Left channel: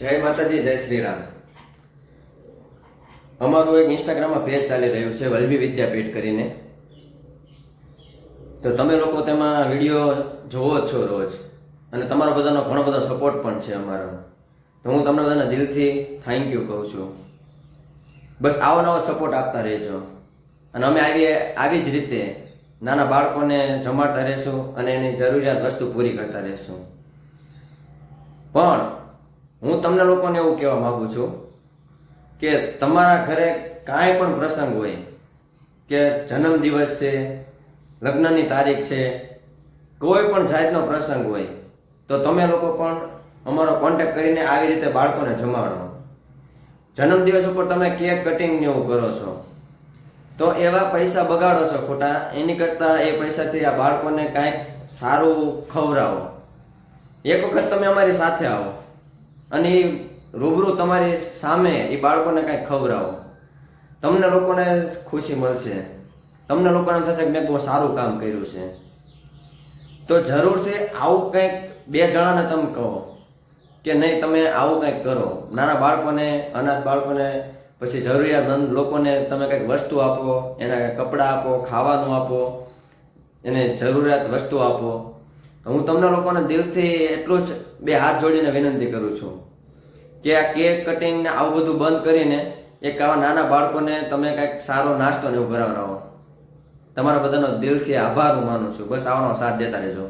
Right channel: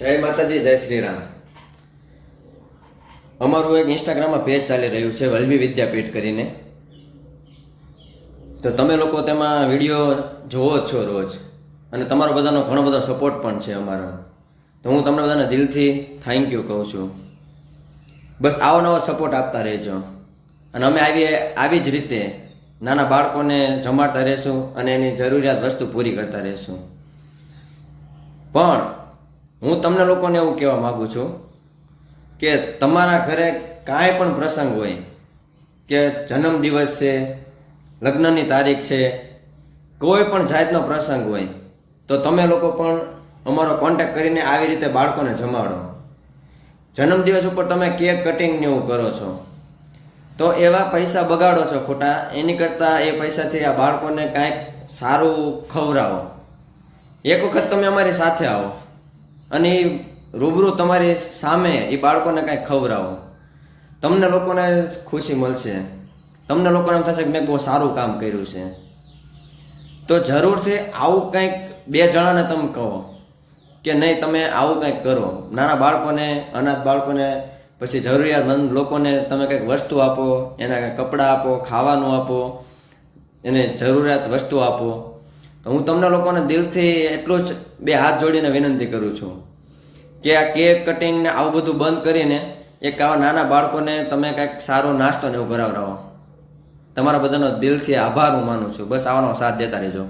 જય માતાજી, જય શ્રી રામ. અમારું એક ઇન્સ્ટાગ્રામમાં પેજ ચાલી રહ્યું છે, વલ્લભી વિદ્યાપીઠ કરીને. તો તમે લોકો તેમાં વિડીયો જોવો જ છો રોજ, અને તમારો બધાનો ઘણો બધો સપોર્ટ પણ છે અમારો. તો હું તમને બધાને દિલથી થેન્ક યુ કહું છું. બસ આવો નવો સપોર્ટ આપતા રહેજો, અને અમે આવી જ રીતે નાના બાળકોને જમાડતા રહેશું અને એની જરૂરિયાત વસ્તુ પૂરી કરતા રહેશું. પણ હું તમને લોકોને એવું કહેવા માગું છું કે તમારા ઘરે કાંઈ પણ પ્રસંગ હોય, કે જન્મદિવસ છે, લગ્નની તારીખ છે, કોઈ પણ જાતનો પ્રસંગ હોય, તો તમે લોકો પણ અમારો કોન્ટેક્ટ કરીને આવી રીતે બાળકોને જમાડો. જન્મદિવસ ઉપર તમે કેક કટિંગ ને એવું કરો છો, તો એવા પૈસા બગાડો છો ખોટા. એની કરતાં એ પૈસાથી આ બાળકોને કાંઈક સારું ખવડાવો. એક વખત તમે અમારી સાથે આવો અને રૂબરૂ તમારી સામે એ બાળકોને કાંઈક ખવડાવો. તમને લોકોને ખુશી મળશે, તમને લોકોને એમ થશે કે મેં બહુ સારું કામ કર્યું છે. તો જરૂરથી આવું કંઈક બે જણાને તમે કહો કે નહીં, તમે આવું કંઈક કરો. નાના બાળકોને, અનાથ બાળકોને, પછી જરૂરિયાતમંદ લોકોને તમે કંઈક વસ્તુ આપો, એને કપડાં આપો, ખાવાનું આપો, એને જરૂરિયાત વસ્તુ આપો. તો હું તમને લોકોને દિલથી એટલું જ બે હાથ જોડીને વિનંતી કરું છું કે આ કેક કટિંગ ને આવું બધું બંધ કરીને એક આવા નાના બાળકોને તમે કંઈક સારો નાસ્તો ને એવું કરાવડાવો. તમારા બધાનો દિલથી આભાર હું માનું છું. બસ આવાનો સાથ દેતા રહેજો.